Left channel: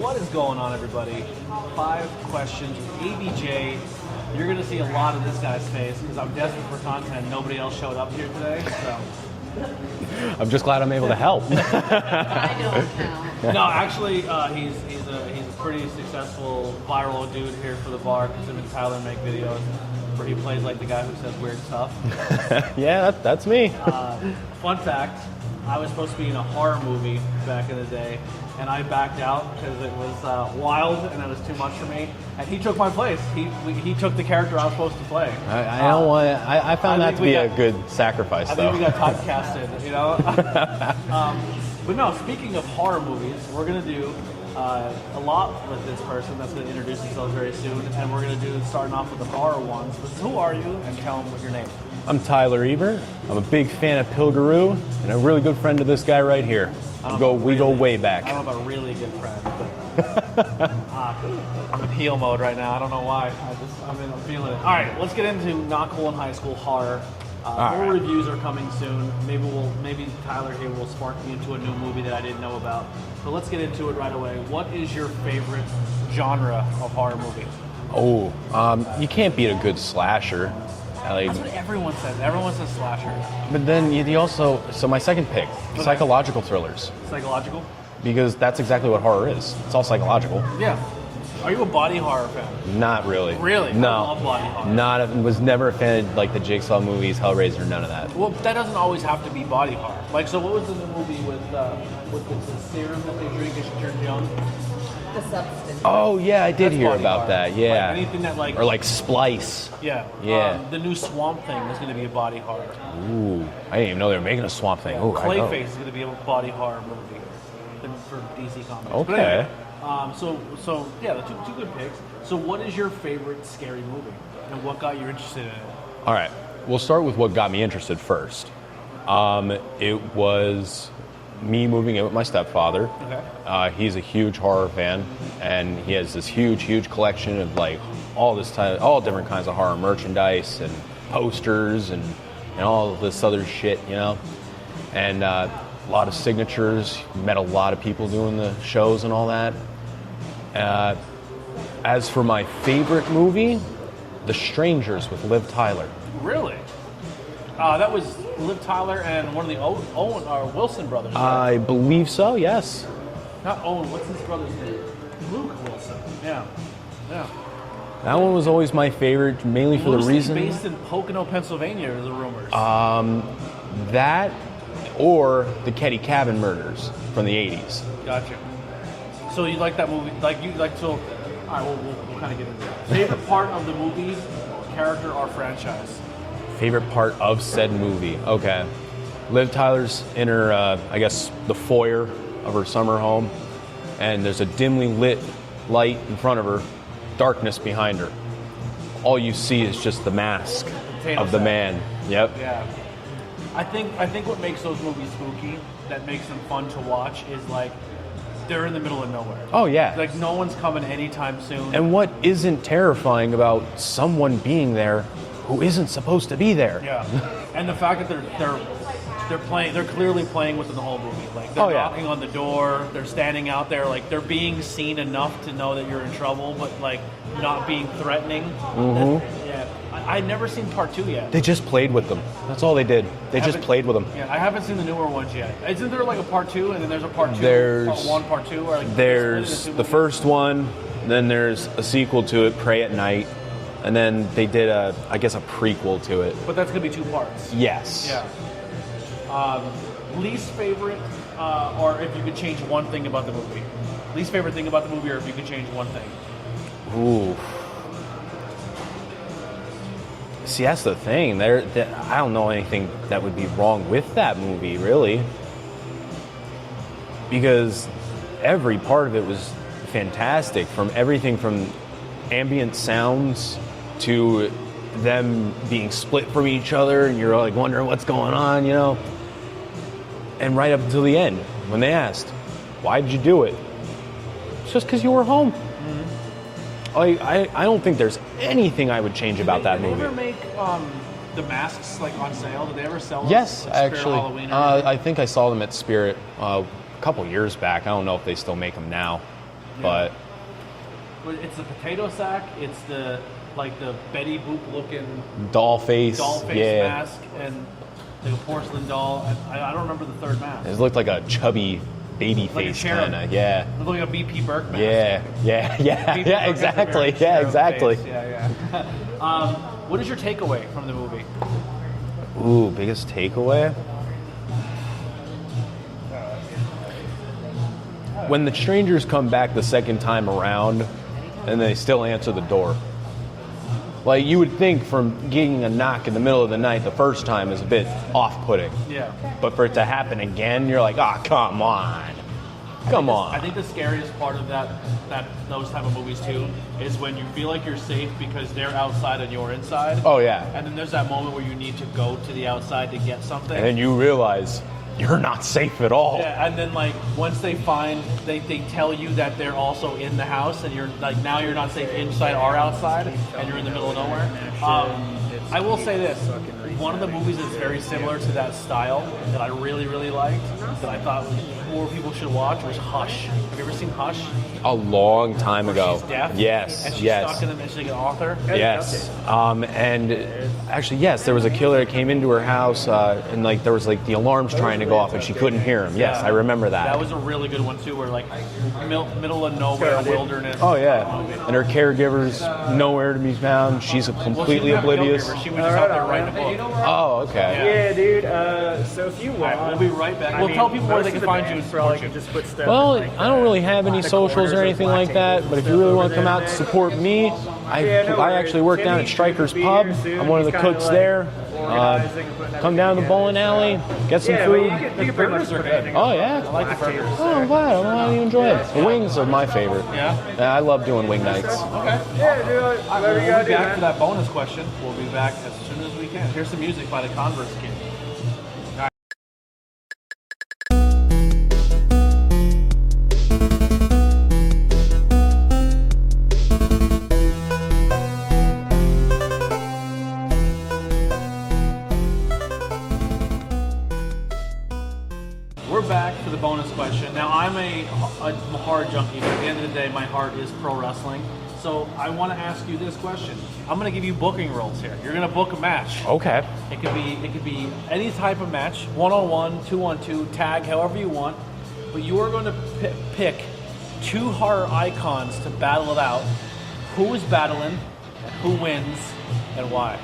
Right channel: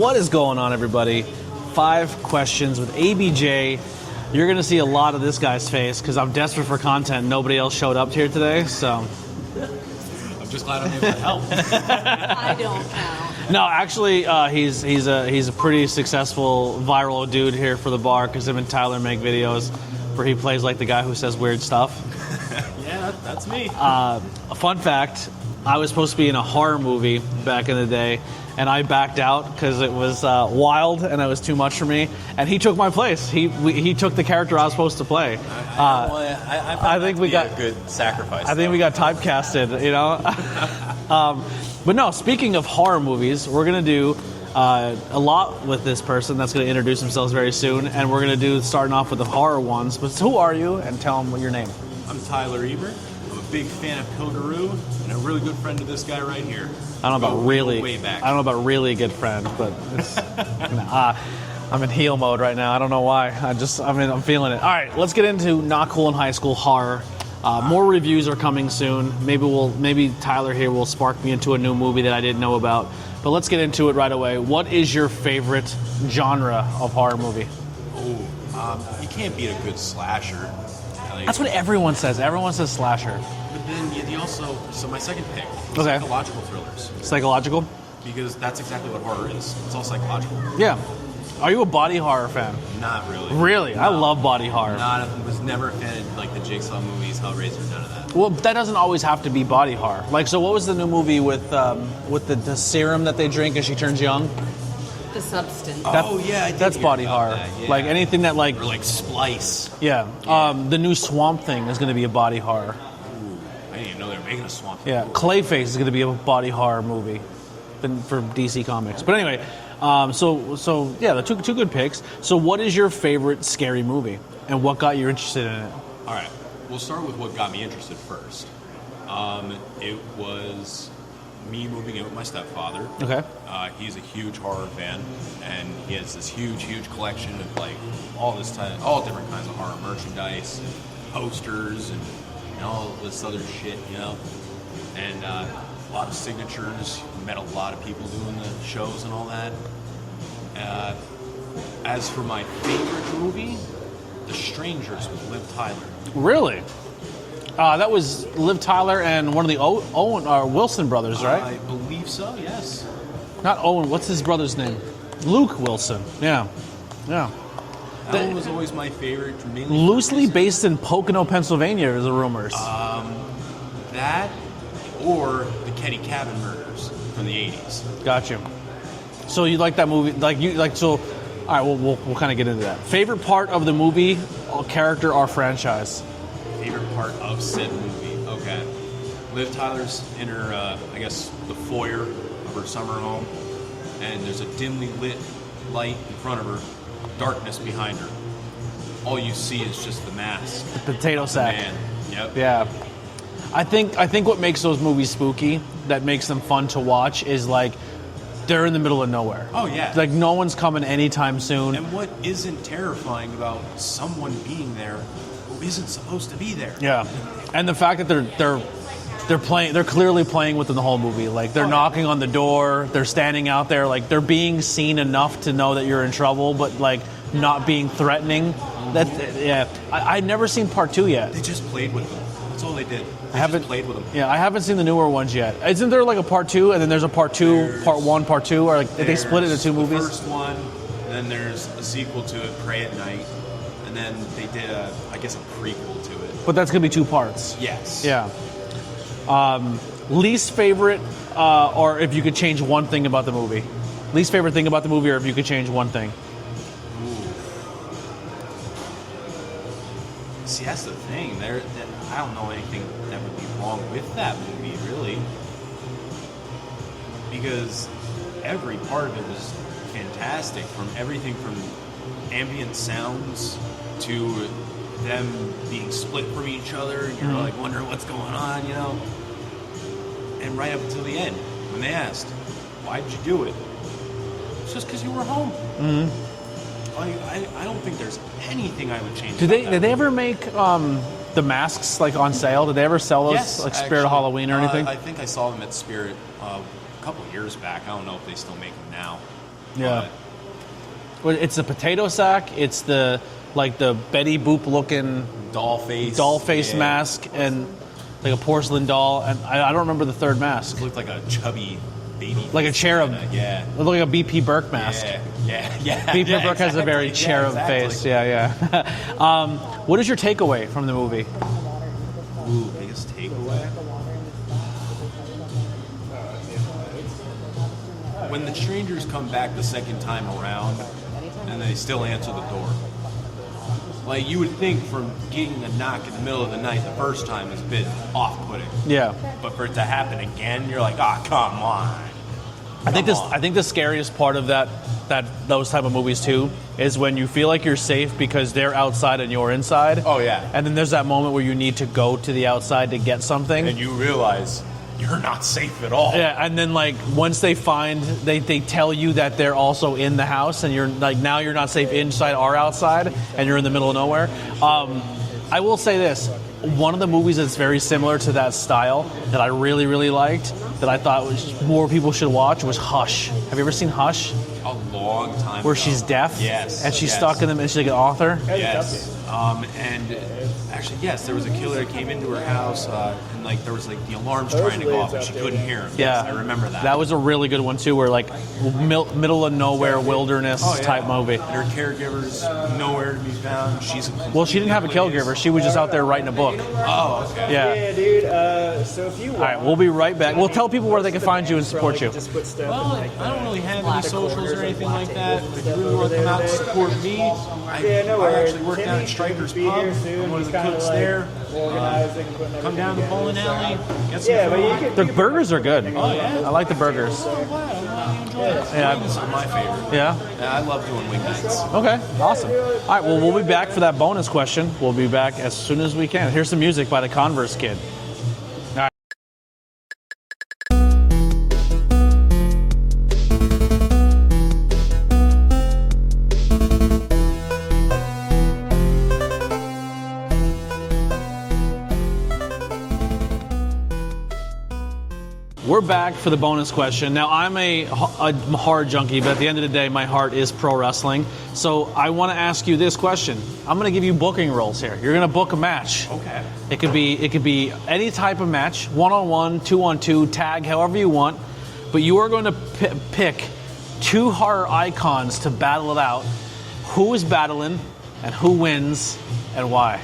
What is going on, everybody? 5 questions with ABJ. You're going to see a lot of this guy's face because I'm desperate for content. Nobody else showed up here today, so... I'm just glad I'm able to help. I don't know. No, actually, he's a pretty successful viral dude here for the bar because him and Tyler make videos where he plays like the guy who says weird stuff. Yeah, that's me. A fun fact, I was supposed to be in a horror movie back in the day, and I backed out because it was wild and it was too much for me. And he took my place. He took the character I was supposed to play. I don't want to. I found that to be a good sacrifice. I think we got typecasted, you know. But no, speaking of horror movies, we're gonna do a lot with this person that's gonna introduce themselves very soon, and we're gonna do starting off with the horror ones. But who are you? And tell them your name. I'm Tyler Ebert. I'm a big fan of Pilgaroo and a really good friend of this guy right here. I don't know about we really go way back. I don't know about really good friend, but I'm in heel mode right now. I don't know why. I'm feeling it. All right, let's get into not cool in high school horror. More reviews are coming soon. Maybe Tyler here will spark me into a new movie that I didn't know about. But let's get into it right away. What is your favorite genre of horror movie? Oh, you can't beat a good slasher. That's what everyone says. Everyone says slasher. But then you also, so my second pick, psychological thrillers. Psychological? Because that's exactly what horror is. It's all psychological. Yeah. Are you a body horror fan? Not really. Really? No. I love body horror. Was never a fan of like the Jigsaw movies, Hellraiser, none of that. Well, that doesn't always have to be body horror. Like, so what was the new movie with the serum that they drink as she turns young? The substance. Oh yeah, I did That's hear body about horror. that. Yeah. Like anything that like or like Splice. yeah. Yeah. The new Swamp Thing is going to be a body horror. Ooh, I didn't even know they were making a Swamp Thing. Yeah. Ooh, Clayface is going to be a body horror movie for DC Comics. But Okay. anyway, so yeah, the two good picks. So what is your favorite scary movie, and what got you interested in it? All right, we'll start with what got me interested first. It was me moving in with my stepfather. Okay. He's a huge horror fan, and he has this huge collection of like all different kinds of horror merchandise and posters and all this other shit, you know. And a lot of signatures. Met a lot of people doing the shows and all that. As for my favorite movie, The Strangers with Liv Tyler. Really? That was Liv Tyler and one of the Owen or Wilson brothers, right? I believe so, yes. Not Owen. What's his brother's name? Luke Wilson. Yeah. That One was always my favorite, mainly for the loosely reason... based in Pocono, Pennsylvania, is the rumors. That or the Ketty Cabin murders from the 80s. Got you. So you like that movie? So? All right, we'll kind of get into that. Favorite part of the movie, or character, or franchise? Favorite part of said movie. Okay. Liv Tyler's in her, I guess, the foyer of her summer home, and there's a dimly lit light in front of her, darkness behind her. All you see is just the mask Potato of sack. the man. Yep. Yeah. I think what makes those movies spooky, that makes them fun to watch, is like they're in the middle of nowhere. Oh yeah. Like no one's coming anytime soon. And what isn't terrifying about someone being there who isn't supposed to be there? Yeah, and the fact that they're clearly playing with them the whole movie. Like they're knocking on the door, they're standing out there, like they're being seen enough to know that you're in trouble, but like not being threatening. I've never seen part 2 yet. They just played with them. That's all they did. They just played with them. Yeah, I haven't seen the newer ones yet. Isn't there like a part 2 and then there's a part 2, part 1, part 2, or like they split it into 2 movies? The first one, then there's a sequel to it, Pray at Night, and then they did a prequel to it. But that's gonna be 2 parts. Yes. Yeah. Least favorite, or if you could change one thing about the movie. Least favorite thing about the movie, or if you could change one thing. Ooh. See, that's the thing. I don't know anything that would be wrong with that movie, really. Because every part of it was fantastic. From everything from ambient sounds to them being split from each other, and you're like wondering what's going on, you know? And right up until the end, when they asked, why did you do it? It's just because you were home. Mm-hmm. I don't think there's anything I would change about that Did they movie. ever make the masks like on sale? Did they ever sell those? Yes, like Spirit actually. Halloween or anything? I think I saw them at Spirit a couple years back. I don't know if they still make them now. Yeah. Well, it's the potato sack. It's the Betty Boop looking doll face yeah. mask and like a porcelain doll. And I don't remember the third mask. It looked like a chubby baby face. Like a cherub. Kinda, yeah. It looked like a BP Burke mask. Yeah. BP Burke has a very cherub face. Yeah. What is your takeaway from the movie? Ooh, biggest takeaway? When the strangers come back the second time around and they still answer the door. Like, you would think from getting a knock in the middle of the night the first time is a bit off-putting. Yeah. But for it to happen again, you're like, oh, come on. I think the scariest part of those type of movies too is when you feel like you're safe because they're outside and you're inside. Oh, yeah. And then there's that moment where you need to go to the outside to get something. And you realize you're not safe at all. Yeah, and then like once they tell you that they're also in the house and you're like, now you're not safe inside or outside and you're in the middle of nowhere. I will say this, one of the movies that's very similar to that style that I really, really liked, that I thought more people should watch, was Hush. Have you ever seen Hush? A long time Where ago. she's deaf? Yes. And she's stuck in them and she's like an author? Yes. And actually, yes, there was a killer that came into her house and like there was like the alarms trying to go off and she couldn't hear him. Yes, I remember that. That was a really good one too, where like middle of nowhere wilderness type movie. And her caregiver's nowhere to be found. She's a completely Well, she didn't have oblivious. a caregiver. She was just out there writing a book. Oh, okay. Yeah, dude. So if you want, all right, we'll be right back. We'll tell people where they can find you and support you. Well, I don't really have any socials or anything like that, but if you really want to come out and support me, I actually work down at Striker's Pub. I'm one of the cooks there. Come down the bowling alley, get some food. The burgers are good. Oh, yeah? I like the burgers. Oh, wow. I'm glad you enjoy it. The wings are my favorite. Yeah? I love doing wing nights. Okay, awesome. All right, well, we'll be back for that bonus question. We'll be back as soon as we can. Here's some music by the Converse Kid. We're back for the bonus question. Now, I'm a horror junkie, but at the end of the day, my heart is pro wrestling. So I want to ask you this question. I'm going to give you booking rules here. You're going to book a match. Okay. It could be any type of match, 1-on-1, 2-on-2, tag, however you want. But you are going to pick two horror icons to battle it out. Who is battling, and who wins, and why?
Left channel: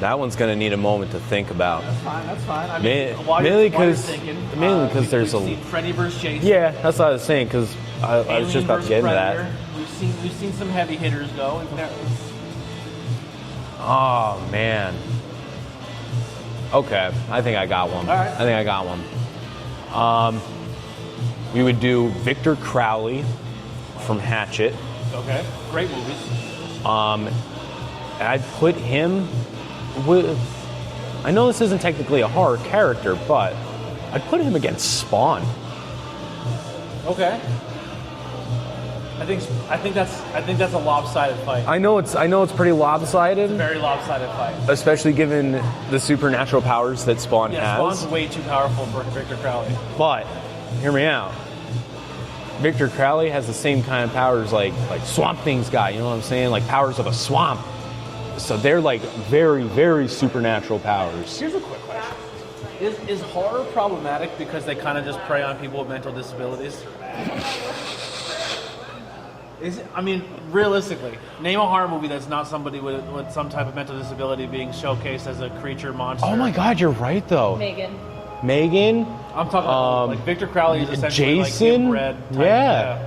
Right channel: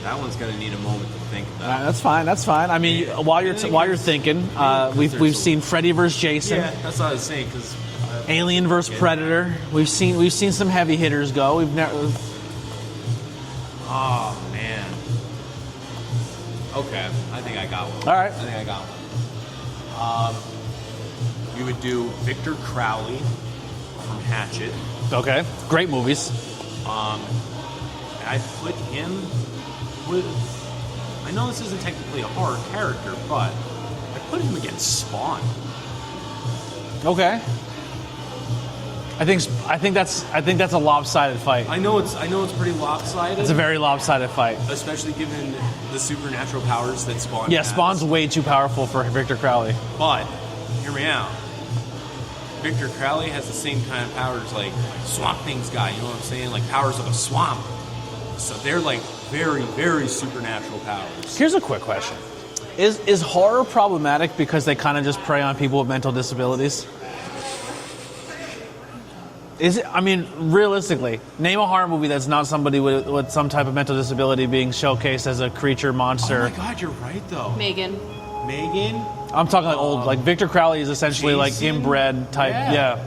That one's going to need a moment to think about. That's fine. I mean, while you're thinking, we've seen Freddy vs. Jason. Yeah, that's what I was saying, because Alien vs. Predator. We've seen some heavy hitters go. We've never. Oh man. Okay, I think I got one. All right. I think I got one. We would do Victor Crowley from Hatchet. Okay, great movies. And I'd put him with. I know this isn't technically a horror character, but I'd put him against Spawn. Okay. I think that's a lopsided fight. I know it's pretty lopsided. It's a very lopsided fight. Especially given the supernatural powers that Spawn has. Yeah, Spawn's way too powerful for Victor Crowley. But hear me out. Victor Crowley has the same kind of powers like Swamp Thing's guy, you know what I'm saying? Like powers of a swamp. So they're like very, very supernatural powers. Here's a quick question. Is horror problematic because they kind of just prey on people with mental disabilities? Is it? I mean, realistically, name a horror movie that's not somebody with some type of mental disability being showcased as a creature, monster. Oh my God, you're right though. Megan. I'm talking like old. Like Victor Crowley is essentially like Jason? inbred type. Yeah.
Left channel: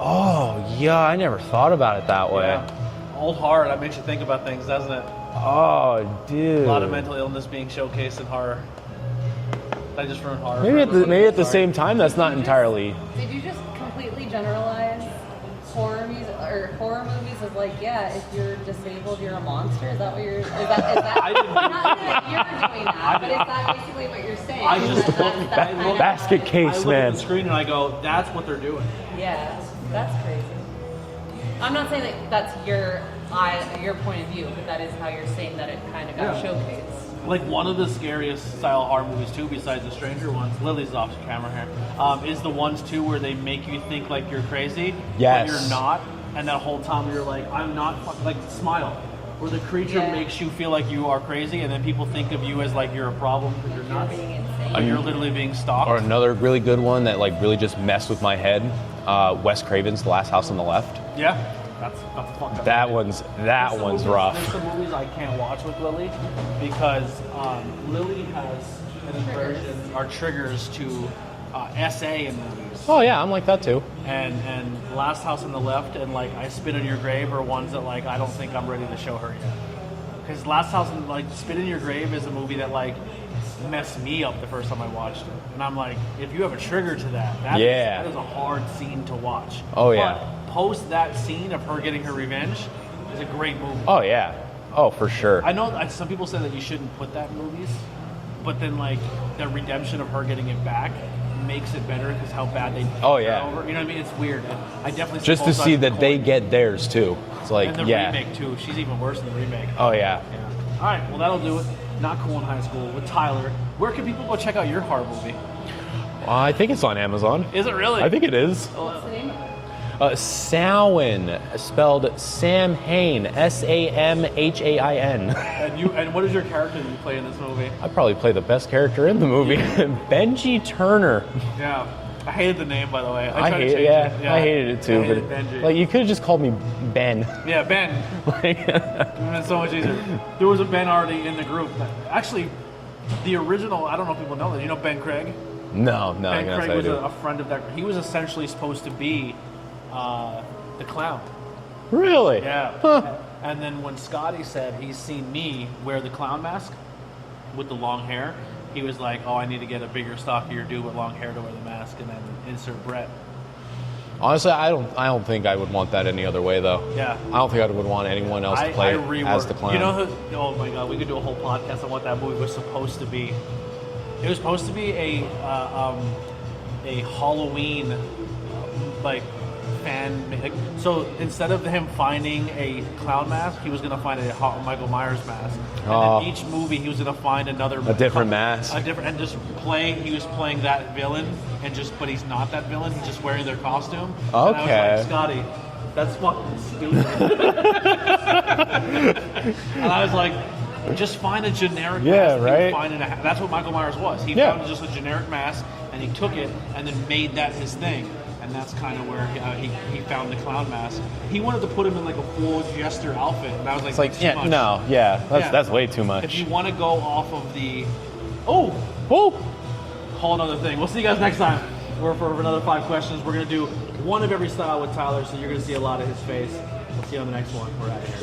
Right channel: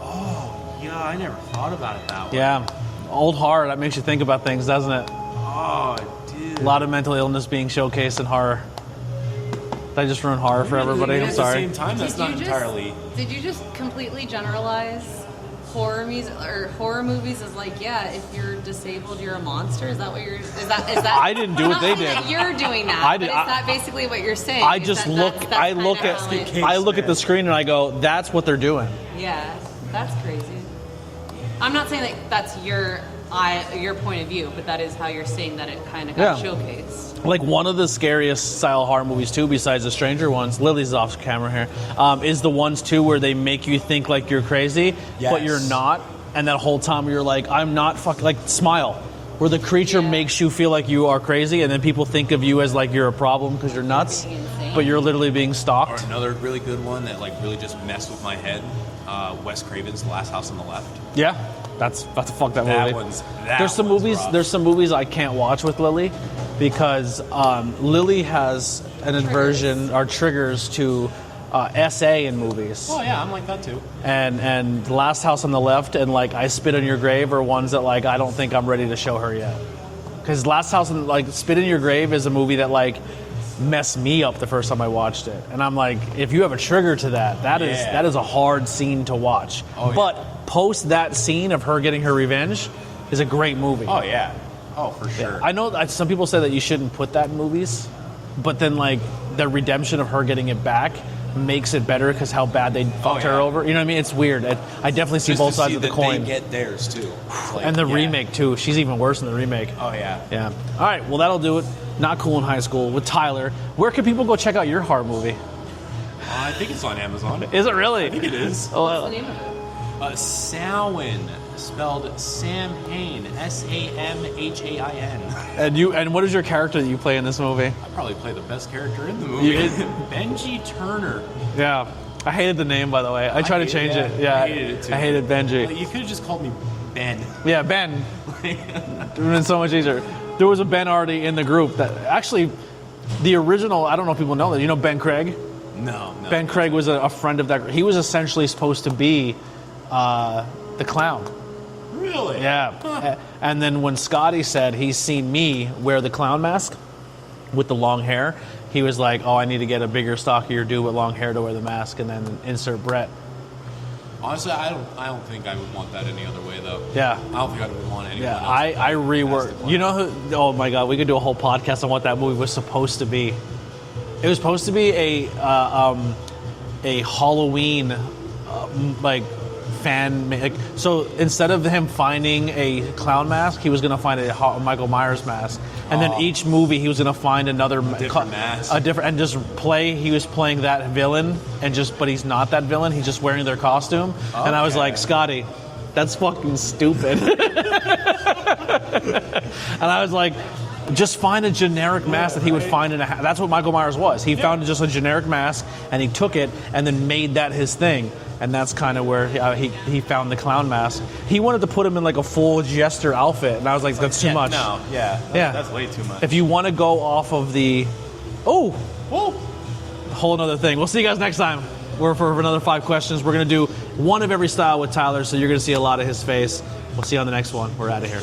Oh yeah, I never thought about it that way. Yeah. Old horror, that makes you think about things, doesn't it? Oh, dude. A lot of mental illness being showcased in horror. Did I just ruin horror for everybody? Maybe I'm at the sorry. same time, that's not entirely. Did you just completely generalize horror music or horror movies as like, yeah, if you're disabled, you're a monster? Is that what you're? Is that? I didn't do what they did. That you're doing that. I But did- is that basically what you're saying? I just look. I look at. Basket case, I look at man. the screen and I go, "That's what they're doing." Yeah, that's crazy. I'm not saying that that's your point of view, but that is how you're saying that it kind of got showcased. Like one of the scariest style horror movies too, besides the Stranger ones, Lily's off camera here, is the ones too where they make you think like you're crazy, but Yes. you're not, and that whole time you're like, I'm not like Smile, where the creature makes you feel like you are crazy, and then people think of you as like you're a problem because you're nuts, being insane. but you're literally being stalked. Or another really good one that like really just messed with my head, Wes Craven's The Last House on the Left. Yeah, that's fuck that That movie. one's rough. There's some movies I can't watch with Lily because Lily has an aversion or triggers to SA in movies. Oh yeah, I'm like that too. And The Last House on the Left and like I Spit on Your Grave are ones that like I don't think I'm ready to show her yet. Because Last House on like Spit in Your Grave is a movie that like messed me up the first time I watched it. And I'm like, if you have a trigger to that is a hard scene to watch. Oh, yeah. But post that scene of her getting her revenge is a great movie. Oh yeah. Oh for sure. I know some people say that you shouldn't put that in movies, but then like the redemption of her getting it back makes it better because how bad they fucked her over. You know what I mean? It's weird. I definitely see Just both to sides see of the that coin. they get theirs too. It's like, And the yeah. remake too. She's even worse than the remake. Oh yeah. Yeah. All right. Well, that'll do it. Not Cool in High School with Tyler. Where can people go check out your horror movie? I think it's on Amazon. Is it really? I think it is. Samhain, spelled Sam Hain, Samhain. And what is your character that you play in this movie? I probably play the best character in the movie. Benji Turner. Yeah. I hated the name, by the way. I tried to hated change that. it. Yeah. I hated it too. I hated but, Benji. Like you could have just called me Ben. Yeah, Ben. It would have been so much easier. There was a Ben already in the group that actually, the original, I don't know if people know that. You know Ben Craig? No. Ben Craig was a friend of that group. He was essentially supposed to be the clown. Really? Yeah. And then when Scotty said he's seen me wear the clown mask with the long hair, he was like, oh, I need to get a bigger, stockier dude with long hair to wear the mask, and then insert Brett. Honestly, I don't think I would want that any other way though. Yeah. I don't think I would want anyone else to I play as the reworked. clown. You know who? Oh my God, we could do a whole podcast on what that movie was supposed to be. It was supposed to be a Halloween like fan. So instead of him finding a clown mask, he was gonna find a Michael Myers mask, and then each movie he was gonna find another different mask. and just play. He was playing that villain, but he's not that villain. He's just wearing their costume. And I was Okay. like, Scotty, that's fucking stupid. And I was like, just find a generic mask that he would right? find in a. That's what Michael Myers was. He Yeah. found just a generic mask, and he took it and then made that his thing. And that's kind of where he found the clown mask. He wanted to put him in like a full jester outfit, and I was like, that's too much. No, that's way too much. If you want to go off of the, whole other thing. We'll see you guys next time. We're for another 5 questions. We're gonna do one of every style with Tyler, so you're gonna see a lot of his face. We'll see you on the next one. We're out of here.